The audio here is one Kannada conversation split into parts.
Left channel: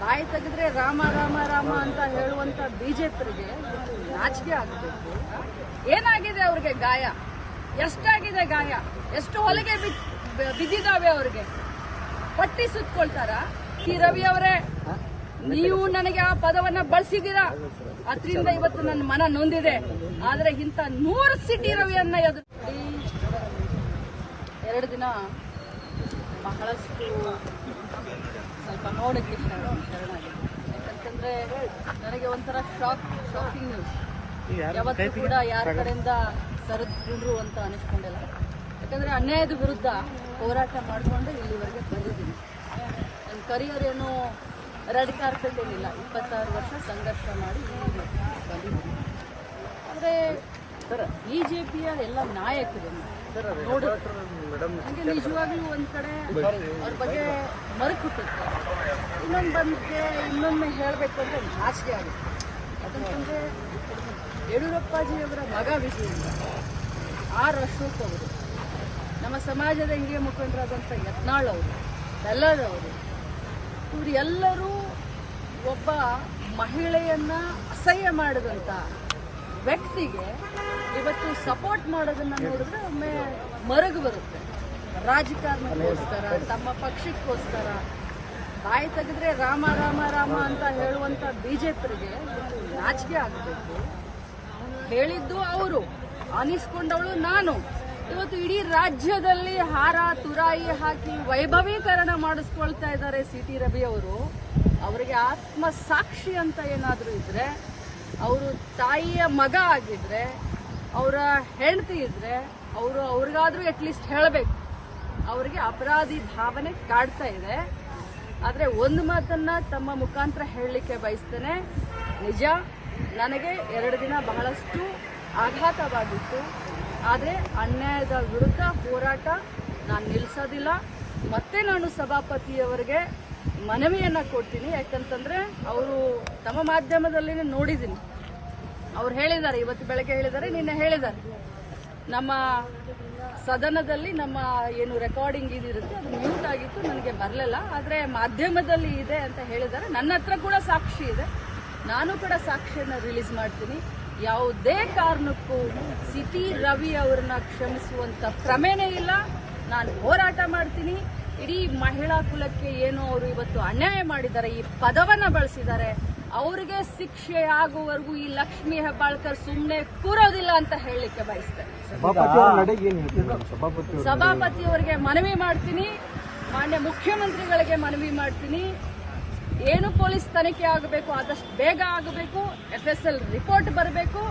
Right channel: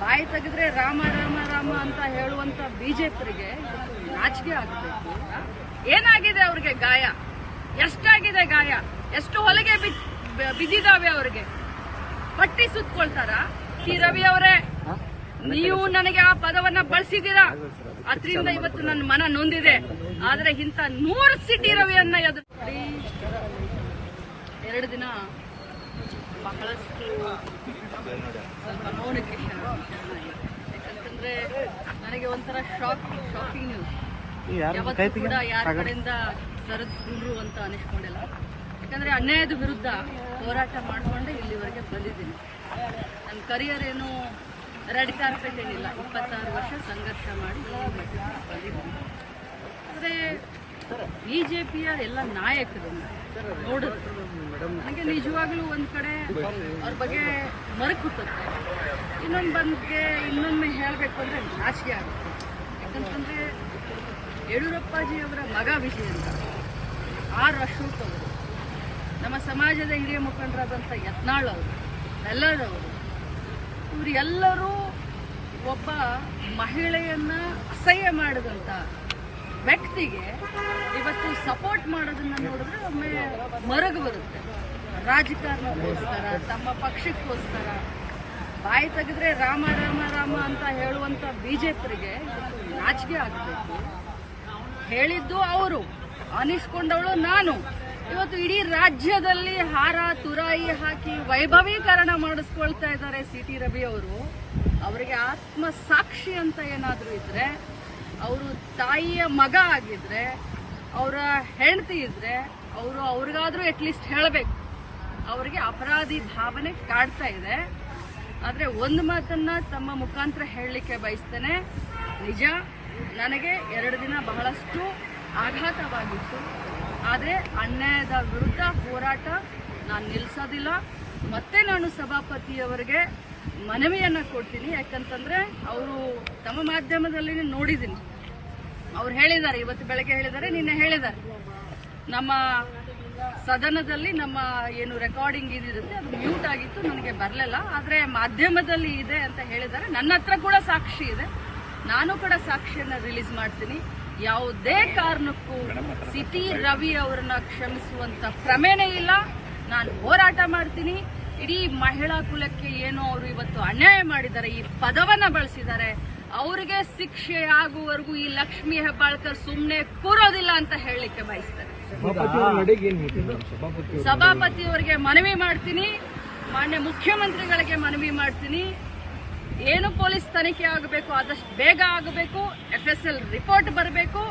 ಬಾಯಿ ತೆಗೆದ್ರೆ ರಾಮ ರಾಮ ರಾಮ ಅಂತ ಹೇಳುವಂತ ಬಿಜೆಪಿರಿಗೆ ನಾಚಿಕೆ ಆಗಬೇಕು. ಏನಾಗಿದೆ ಅವ್ರಿಗೆ ಗಾಯ? ಎಷ್ಟಾಗಿದೆ ಗಾಯ? ಎಷ್ಟು ಹೊಲಿಗೆ ಬಿದ್- ಬಿದ್ದಿದಾವೆ ಅವ್ರಿಗೆ? ಪಟ್ಟಿ ಸುತ್ಕೊಳ್ತಾರ? ಟಿ. ರವಿ ಅವರೇ, ನೀವು ನನಗೆ ಆ ಪದವನ್ನ ಬಳಸಿದ್ದೀರಾ? ಅದರಿಂದ ಇವತ್ತು ನನ್ನ ಮನ ನೊಂದಿದೆ. ಆದ್ರೆ ಇಂಥ ನೂರು ಸಿಟಿ ರವಿಯನ್ನ ಎದುರು ಎರಡು ದಿನ ಬಹಳಷ್ಟು ಸ್ವಲ್ಪ ನೋಡಕ್ಕೆ ಶರಣ ಶರಣಾಗಿದೆ ಯಾಕಂತಂದ್ರೆ ನನಗೆ ಒಂಥರ ಶಾಕ್ ಶಾಕಿಂಗ್ ನ್ಯೂಸ್ ಯಾವತ್ತೂ ಕೂಡ ಯಾರ ಕಡೆಯಿಂದ ಸರಿದ್ರು ಅಂತ ಅನಿಸ್ಕೊಂಡಿಲ್ಲ. ಯಾಕಂದ್ರೆ ಅನ್ಯಾಯದ ವಿರುದ್ಧ ಹೋರಾಟ ಮಾಡಿಕೊಂಡು ಇಲ್ಲಿವರೆಗೆ ಬಂದಿದ್ದೀನಿ. ನನ್ನ ಕರಿಯರ್ ಏನು ರೆಡ್ ಕಾರ್ಪೆಟ್ ಏನಿಲ್ಲ ಇಪ್ಪತ್ತಾರು ವರ್ಷ ಸಂಘರ್ಷ ಮಾಡಿ ಈ ಬಂದಿದ್ದೀನಿ. ಆದರೆ ಬಿ ಜೆ ಪಿಯ ಎಲ್ಲ ನಾಯಕರನ್ನ ನೋಡಿದ್ರೆ ನನಗೆ ನಿಜವಾಗ್ಲೂ ಒಂದ್ ಕಡೆ ಅವ್ರ ಬಗ್ಗೆ ಮರಕ್ ಹುಟ್ಟುತ್ತೆ. ಇನ್ನೊಂದು ಬಂದ್ಗೆ ಇನ್ನೊಮ್ಮೆ ಹೇಳಬೇಕು ಅಂದ್ರೆ ನಾಚಿಕೆ ಆಗುತ್ತೆ. ಯಾಕಂತಂದ್ರೆ ಯಡಿಯೂರಪ್ಪಾಜಿಯವರ ಮಗ ವಿಜಯ ಅಂತ ಆರ್ ಅಶೋಕ್ ಅವರು, ನಮ್ಮ ಸಮಾಜದ ಹಿರಿಯ ಮುಖಂಡರಾದಂಥ ಯತ್ನಾಳ್ ಅವರು ಬೆಲ್ಲದವರು ಇವರು ಎಲ್ಲರೂ ಒಬ್ಬ ಮಹಿಳೆಯನ್ನ ಅಸಹ್ಯ ಮಾಡಿದಂತ ವ್ಯಕ್ತಿಗೆ ಇವತ್ತು ಸಪೋರ್ಟ್ ಮಾಡೋದನ್ನ ನೋಡಿದ್ರೆ ಒಮ್ಮೆ ಮರಗು ಬರುತ್ತೆ. ರಾಜಕಾರಣಕ್ಕೋಸ್ಕರ, ತಮ್ಮ ಪಕ್ಷಕ್ಕೋಸ್ಕರ, ಬಾಯಿ ತೆಗೆದ್ರೆ ರಾಮ ರಾಮ ರಾಮ ಅಂತ ಹೇಳುವಂತ ಬಿಜೆಪಿಗೆ ನಾಚಿಕೆ ಆಗಬೇಕು. ಹೇಳಿದ್ದು ಅವರು, ಅನಿಸ್ಕೊಂಡವಳು ನಾನು. ಇವತ್ತು ಇಡೀ ರಾಜ್ಯದಲ್ಲಿ ಹಾರ, ತುರಾಯಿ ಹಾಕಿ ವೈಭವೀಕರಣ ಮಾಡಿಸ್ಕೊಳ್ತಾ ಇದ್ದಾರೆ ಸಿ ರವಿ ಅವರು. ಅವರಿಗೆ ಆತ್ಮ ಸಾಕ್ಷಿ ಅಂತ ಏನಾದರೂ ಇದ್ರೆ ಅವರು ತಾಯಿಯ ಮಗ ಆಗಿದ್ರೆ, ಅವರ ಹೆಂಡತಿ ಇದ್ರೆ, ಅವರು ಅವ್ರಿಗಾದ್ರೂ ಅಟ್ಲೀಸ್ಟ್ ಹೇಳಬೇಕು. ಅವರಿಗೆ ಅಪರಾಧಿ ಭಾವನೆ ಕಾಡ್ತಾ ಇದೆ. ಆದ್ರೆ ಒಂದು ಮಾತನ್ನ ತಮ್ಮ ಮುಖಾಂತರ ಹೇಳಲಿಕ್ಕೆ ಬಯಸ್ತೇನೆ. ನಿಜ, ನನಗೆ ಎರಡು ದಿನ ಬಹಳಷ್ಟು ಆಘಾತವಾಗಿತ್ತು. ಆದರೆ ಅನ್ಯಾಯದ ವಿರುದ್ಧ ಹೋರಾಟ ನಾನು ನಿಲ್ಲಿಸೋದಿಲ್ಲ ಮತ್ತೆ ನಾನು ಸಭಾಪತಿಯವರಿಗೆ ಮನವಿಯನ್ನ ಕೊಡ್ತೀನಿ. ಯಾಕಂತಂದ್ರೆ ಅವರು ತಮ್ಮ ಮಾಧ್ಯಮದಲ್ಲಿ ನೋಡಿದ್ದೀನಿ. ಅವ್ರು ಹೇಳಿದ್ದಾರೆ, ಇವತ್ತು ಬೆಳಗ್ಗೆ ಹೇಳಿದ್ದಾರೆ, ನಿನ್ನೆ ಹೇಳಿದ್ದಾರೆ. ನಮ್ಮ ಸದನದಲ್ಲಿ ನಮ್ಮ ಏನು ರೆಕಾರ್ಡಿಂಗ್ ಇದಿರುತ್ತೆ, ಅದು ಮ್ಯೂಟ್ ಆಗಿತ್ತು, ನನಗೆ ಬರಲಿಲ್ಲ. ಆದರೆ ಮಾಧ್ಯಮದಲ್ಲಿ ಇದೆ ಅಂತ ಹೇಳಿದ್ದಾರೆ. ನನ್ನ ಹತ್ರ ಕೂಡ ಸಾಕ್ಷಿ ಇದೆ. ನಾನು ಕೂಡ ಸಾಕ್ಷಿಯನ್ನು ರಿಲೀಸ್ ಮಾಡ್ತೀನಿ. ಯಾವುದೇ ಕಾರಣಕ್ಕೂ ಸಿಟಿ ರವಿ ಅವರನ್ನ ಕ್ಷಮಿಸುವಂತ ಕ್ರಮೇನೇ ಇಲ್ಲ. ನಾನು ಹೋರಾಟ ಮಾಡ್ತೀನಿ. ಇಡೀ ಮಹಿಳಾ ಕುಲಕ್ಕೆ ಏನು ಅವರು ಇವತ್ತು ಅನ್ಯಾಯ ಮಾಡಿದ್ದಾರೆ ಈ ಪದವನ್ನ ಬಳಸಿದ್ದಾರೆ. ಅವರಿಗೆ ಶಿಕ್ಷೆ ಆಗುವವರೆಗೂ ಈ ಲಕ್ಷ್ಮಿ ಹೆಬ್ಬಾಳ್ಕರ್ ಸುಮ್ಮನೆ ಕೂರೋದಿಲ್ಲ ಅಂತ ಹೇಳಲಿಕ್ಕೆ ಬಯಸ್ತಾರೆ? ಸಭಾಪತಿಯವರಿಗೆ ಮನವಿ ಮಾಡ್ತೀನಿ. ಮಾನ್ಯ ಮುಖ್ಯಮಂತ್ರಿಗಳಿಗೆ ಮನವಿ ಮಾಡ್ತೀನಿ. ಏನು ಪೊಲೀಸ್ ತನಿಖೆ ಆಗಬೇಕು ಆದಷ್ಟು ಬೇಗ ಆಗಬೇಕು. ಎಫ್ ಎಸ್ ಎಲ್ ರಿಪೋರ್ಟ್ ಬರಬೇಕು.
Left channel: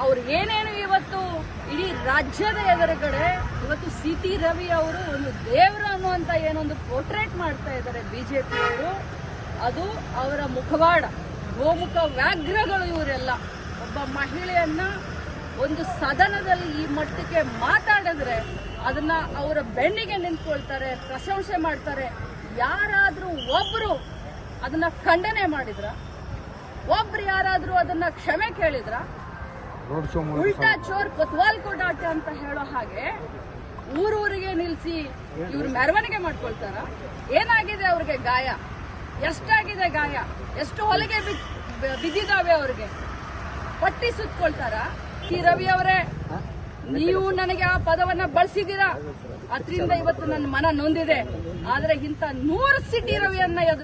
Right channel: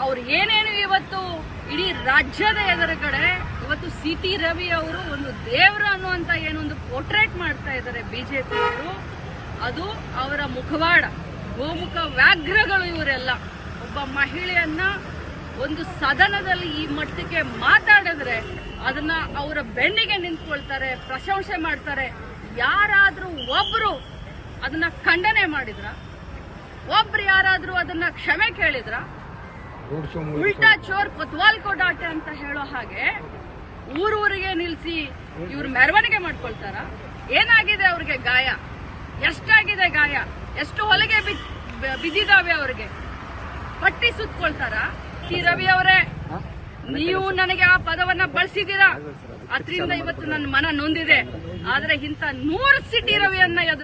ಅವ್ರು ಏನೇನು ಇವತ್ತು ಇಡೀ ರಾಜ್ಯದ ಎದುರುಗಡೆ ಇವತ್ತು ಸಿ ಟಿ ರವಿ ಅವರು ಒಂದು ದೇವರು ಅನ್ನುವಂತ ಏನೊಂದು ಪೋರ್ಟ್ರೇಟ್ ಮಾಡ್ತಾ ಇದ್ದಾರೆ ಬಿಜೆಪಿ ಅವರು. ಅದು ಅವರ ಮುಖವಾಡ, ಗೋಮುಖ ವ್ಯಾಘ್ರಗಳು ಇವರೆಲ್ಲ. ಒಬ್ಬ ಮಹಿಳೆಯನ್ನ ಒಂದು ಸದನದಲ್ಲಿ ಈ ಮಟ್ಟಕ್ಕೆ ಮಾತಾಡಿದ್ರೆ ಅದನ್ನ ಅವರ ಬೆನ್ನಿಗೆ ನಿಂತ್ಕೊಳ್ತಾರೆ, ಪ್ರಶಂಸೆ ಮಾಡ್ತಾರೆ. ಯಾರಾದ್ರೂ ಒಬ್ರು ಅದನ್ನ ಖಂಡನೆ ಮಾಡಿದ್ರ? ಒಬ್ರು ಯಾರಾದ್ರೂ ಅದನ್ನ ಕ್ಷಮೆ ಕೇಳಿದ್ರ? ಉಲ್ಟಾ ಚೋರ್ ಕೊತ್ವಾಲ್ ಕೊಡಾಟೆ ಅಂತ ಹೇಳೋ ಹಾಗೆ ಊರೂರಿಗೆ ನಿಲ್ಸಿ ಇವ್ರು ಮೆರವಣಿಗೆ ಮಾಡ್ಕೊಳ್ತಾರ. ಏನಾಗಿದೆ ಅವ್ರಿಗೆ ಗಾಯ? ಎಷ್ಟಾಗಿದೆ ಗಾಯ? ಎಷ್ಟು ಹೊಲಿಗೆ ಬಿದ್ದಿದಾವೆ ಅವ್ರಿಗೆ? ಪಟ್ಟಿ ಸುತ್ಕೊಳ್ತಾರ? ಟಿ ರವಿ ಅವರೇ, ನೀವು ನನಗೆ ಆ ಪದವನ್ನ ಬಳಸಿದ್ದೀರಾ? ಅದರಿಂದ ಇವತ್ತು ನನ್ನ ಮನ ನೊಂದಿದೆ. ಆದ್ರೆ ಇಂಥ ನೂರು ಸಿಟಿ ರವಿಯನ್ನ